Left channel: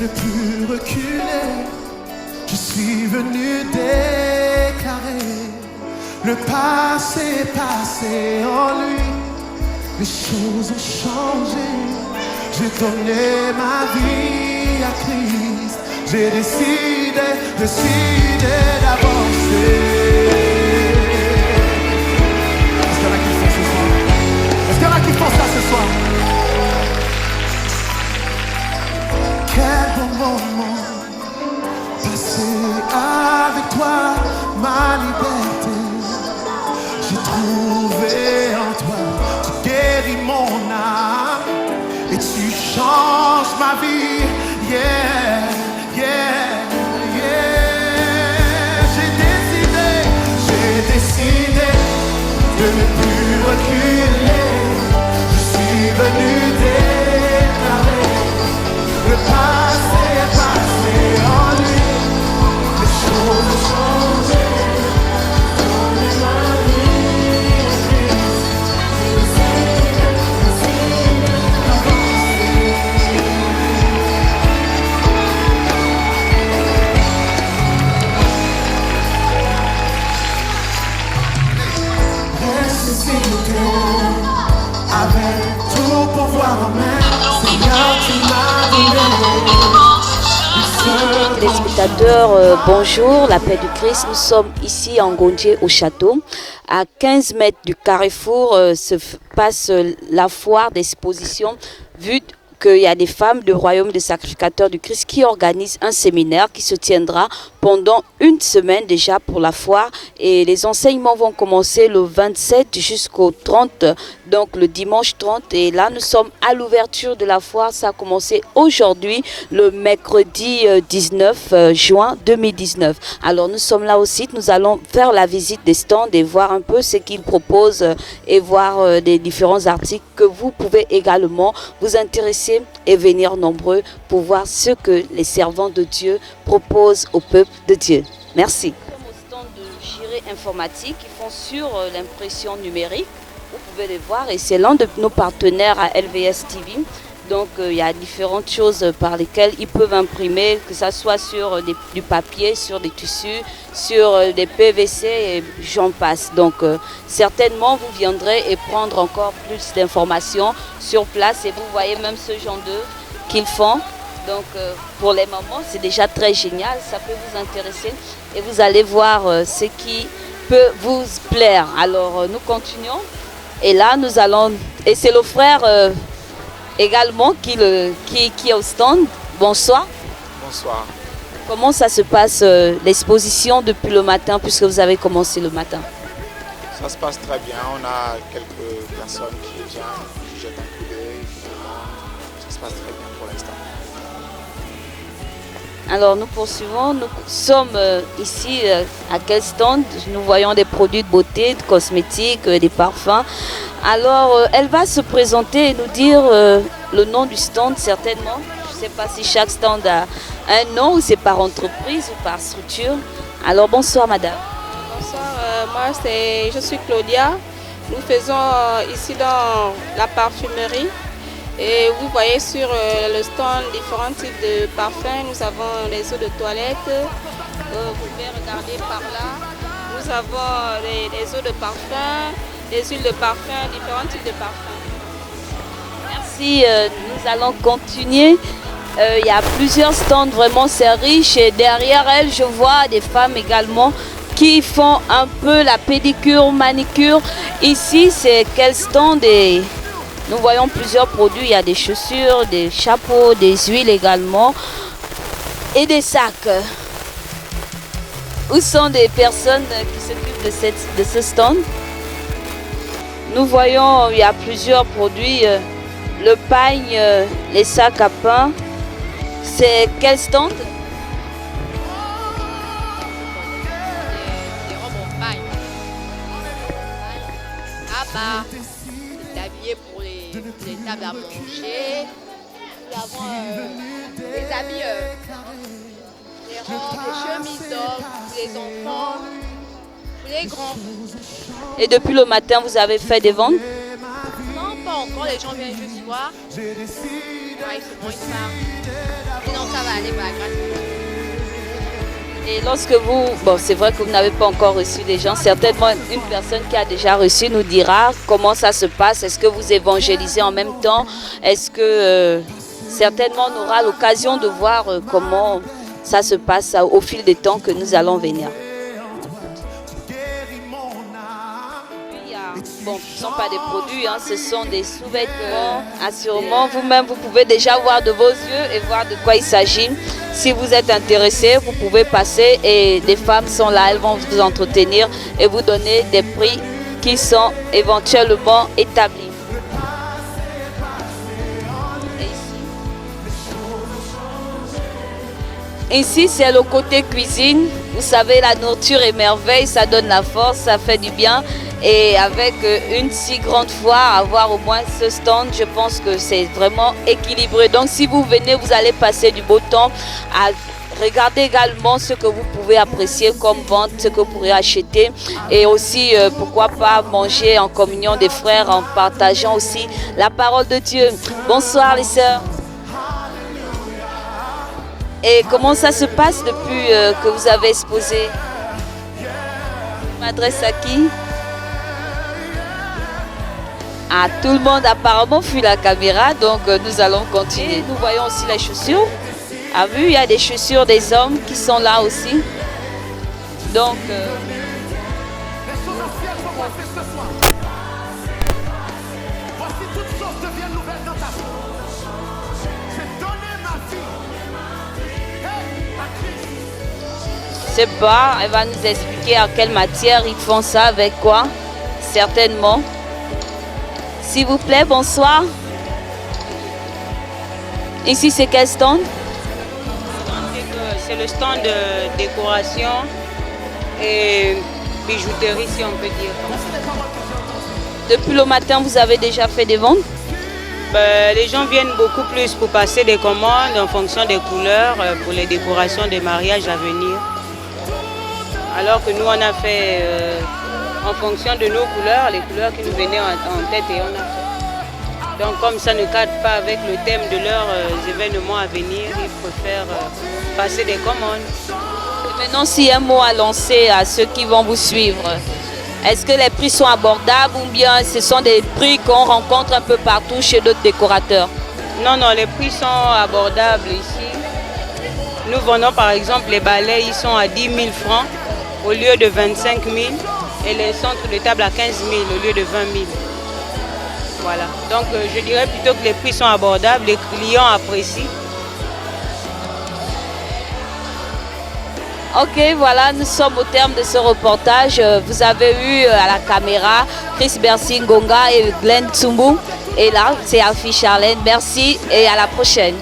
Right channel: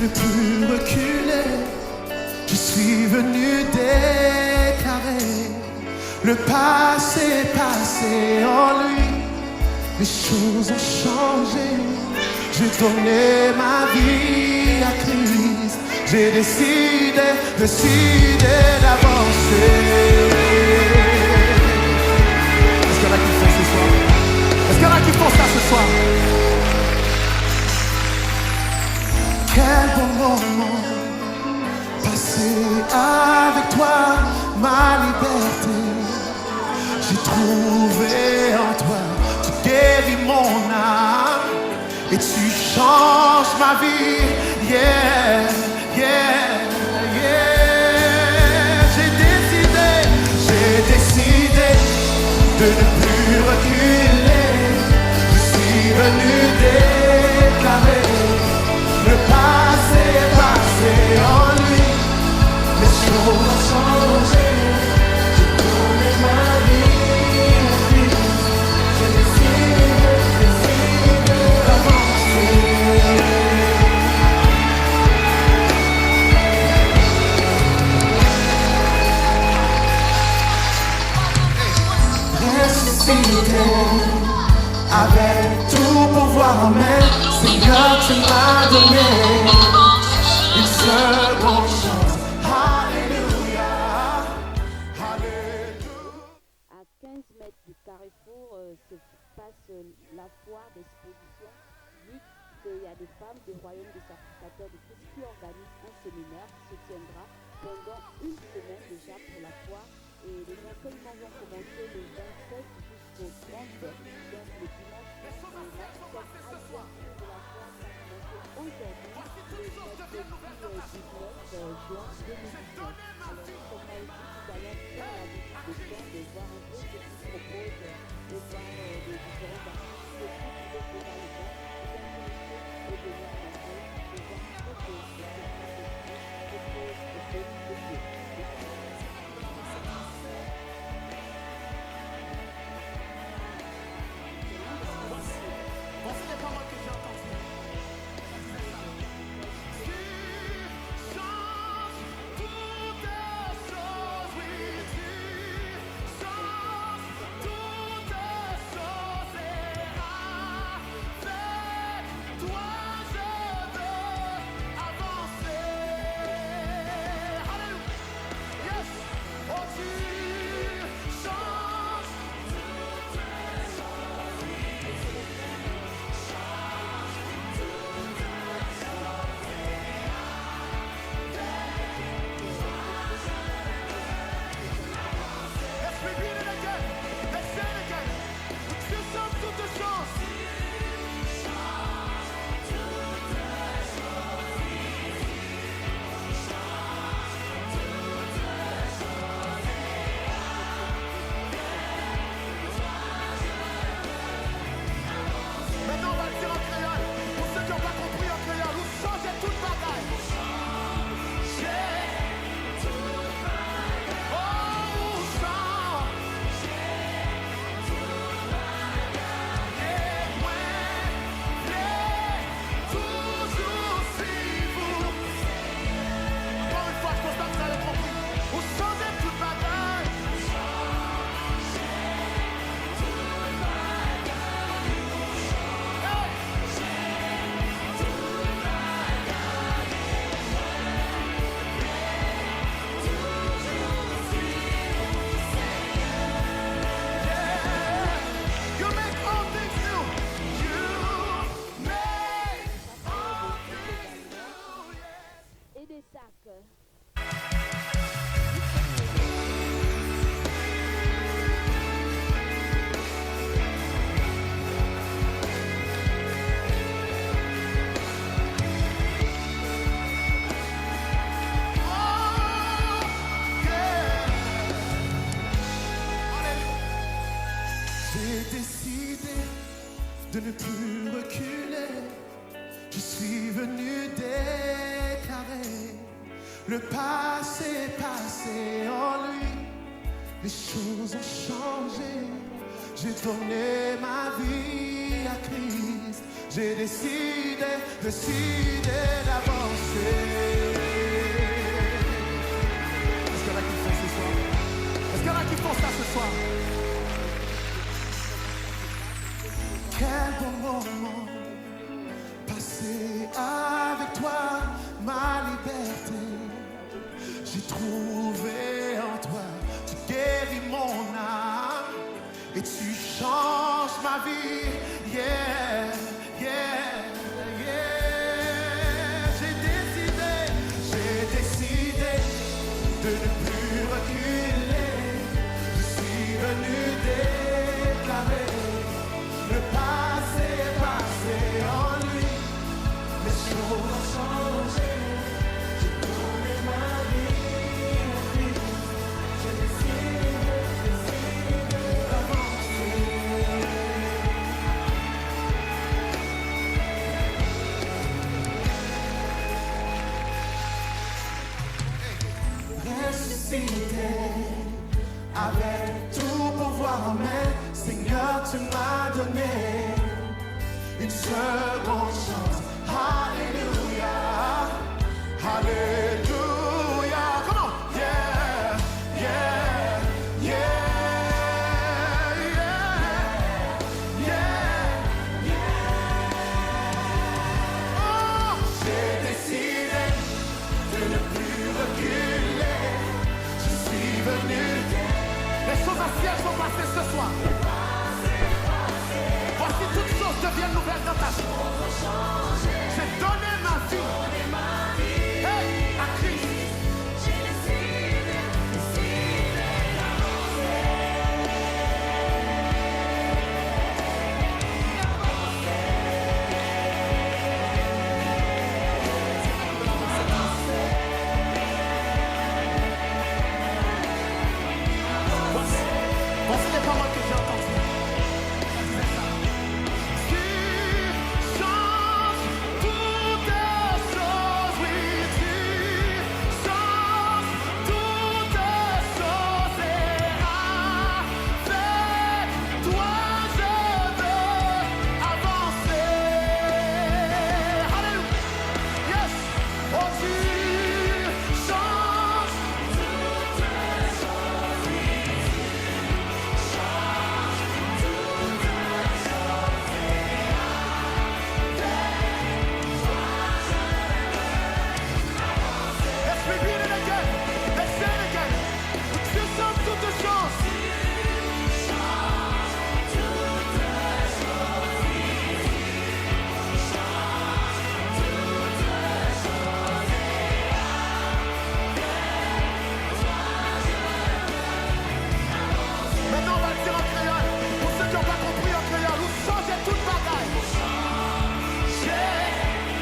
ne plus reculer. Je suis venu déclarer le passé est passé en lui. Les choses ont changé. J'ai donné ma vie à Christ. J'ai décidé d'avancer. Est-ce qu'il y en a qui font ce soir? Est-ce qu'il y en a qui font ça ce soir? Quel bon moment passé avec toi, ma liberté. J'ai trouvé en toi, tu guéris mon âme et tu changes ma vie. Yeah, yeah, yeah. J'ai décidé de ne plus reculer. Je suis venu déclarer le passé est passé en lui. Les choses ont changé. J'ai ma vie à Christ. J'ai décidé d'avancer. Ressuscité avec tout pouvoir en main. Seigneur, tu m'as donné. Spectateurs, bonjour, la paix du Christ. Nous sommes ici en Gondier au château. À 15 mètres du carrefour se passe la foire d'exposition. Vu qu'il y a des femmes du royaume des sacrificateurs du Christ qui organisent un séminaire qui se tiendra pendant une semaine déjà pour la foire. Et les enseignements vont commencer le 27 jusqu'au 30, donc le dimanche 30. Et là, nous sommes à l'ouverture de la foire. Ça a commencé aujourd'hui, le mercredi 19 juin 2019. Alors, nous sommes là au site. Nous allons faire la visite des stands et voir un peu ce qu'ils proposent et voir des différents articles que vous pouvez également vous intéresser et venir nombreux pour voir ce que les servants de Dieu proposent au peuple de Dieu. Merci. Le stand de Jiré informatique, ils font sur l'impression numérique. Vous pouvez les voir et c'est l'un de nos partenaires à LVS TV. Donc il y a différentes choses par lesquelles ils peuvent imprimer, que ce soit sur du papier, sur des tissus, sur des PVC et j'en passe. Donc certainement vous viendrez et prendre encore plus d'informations sur place et vous voyez même ce genre de qu'ils font. Donc pour les mamans c'est déjà très génial, ça peut vous intéresser et vous allez voir ce qui peut vous plaire. Alors nous continuons et là nous allons, et c'est le frère également qui est au stand. Bonsoir. Bonsoir. Comment ça se passe l'exposition depuis le matin puisque vous avez commencé le matin? Ça se passe très bien. On a quelques personnes qui déjà ça se passe très bien pour l'instant. Alors nous poursuivons. Nous sommes ici à quel stand? Nous voyons des produits de beauté, de cosmétiques, des parfums. Alors, elle va se présenter et nous dire le nom du stand, certainement. Je ne sais pas si chaque stand a un nom ou c'est par entreprise ou par structure. Alors, bonsoir, madame. Moi, je suis Claudia. Nous faisons ici dans la parfumerie. Et vous voyez sur le stand différents types de parfums. Nous avons les eaux de toilette. Vous pouvez regarder par là. Nous avons les eaux de parfum. Des huiles de parfum, différents types de parfums. Merci, nous allons continuer. Il y a plusieurs stands, vraiment c'est riche. Et derrière elles, je vois des femmes également qui font un peu la pédicure, manicure. Ici, c'est quel stand? Et nous voyons plusieurs produits. Il y a des chaussures, des chapeaux, des huiles également et des sacs. Où sont des personnes qui s'occupent de ce stand? Nous voyons, il y a plusieurs produits, le pagne, les sacs à pain. C'est quel stand? L'habillé pour les tables à manger. Nous avons des habits le passé est passé en lui. Les grands. Et depuis le matin, vous avez fait des ventes? Non, pas encore. Les gens viennent juste voir. J'ai décidé, Donc ça va aller par grâce. Et lorsque vous, bon, c'est vrai que vous n'avez pas encore reçu des gens, certainement une personne qui a déjà reçu nous dira comment ça se passe. Est-ce que vous évangélisez en même temps? Est-ce que certainement on aura l'occasion de voir comment ça se passe au fil des temps que nous allons venir. Bon, ce ne sont pas des produits, hein, ce sont des sous-vêtements. Assurément, vous-même, vous pouvez déjà voir de vos yeux et voir de quoi il s'agit. Si vous êtes intéressé, vous pouvez passer et des femmes sont là, elles vont vous entretenir et vous donner des prix qui sont éventuellement établis. Ici, c'est le côté cuisine. Vous savez, la nourriture est merveille, ça donne la force, ça fait du bien. Et avec une si grande foire, avoir au moins ce stand, je pense que c'est vraiment équilibré. Donc si vous venez, vous allez passer du beau temps à regarder également ce que vous pouvez apprécier comme vente, ce que vous pourrez acheter. Et aussi, pourquoi pas manger en communion des frères, en partageant aussi la parole de Dieu. Bonsoir les sœurs. Et comment ça se passe depuis que vous avez exposé? Je m'adresse à qui? Ah, tout le monde apparemment fuit la caméra, donc nous allons continuer. Nous voyons aussi les chaussures. Ah oui, il y a des chaussures des hommes qui sont là aussi. Donc, les choses anciennes sont passées ce soir. Voici toutes choses deviennent nouvelles dans ta vie. J'ai donné ma vie à Christ. je sais pas, elle va nous expliquer en quelle matière ils font ça, avec quoi, certainement. S'il vous plaît, bonsoir. Ici, c'est quel stand? C'est le stand de décoration et bijouterie, si on peut dire. Voici les paroles que j'ai entendues. Depuis le matin, vous avez déjà fait des ventes? Les gens viennent beaucoup plus pour passer des commandes en fonction des couleurs pour les décorations des mariages à venir. Alors que nous, on a fait en fonction de nos couleurs, les couleurs qui nous venaient en tête et en tête. Donc comme ça ne cadre pas avec le thème de leurs événements à venir, ils préfèrent passer des commandes. Maintenant, s'il y a un mot à lancer à ceux qui vont vous suivre, est-ce que les prix sont abordables ou bien ce sont des prix qu'on rencontre un peu partout chez d'autres décorateurs? Non, non, les prix sont abordables ici. Nous vendons par exemple les balais, ils sont à 10 000 francs au lieu de 25 000 et les centres de table à 15 000 au lieu de 20 000. Voilà. Donc je dirais plutôt que les prix sont abordables, les clients apprécient. Ok, voilà, nous sommes au terme de ce reportage. Vous avez eu à la caméra Chris Bercy Ngonga et Glenn Tsumbu. Et là, c'est Alfie Charlène. Merci et à la prochaine.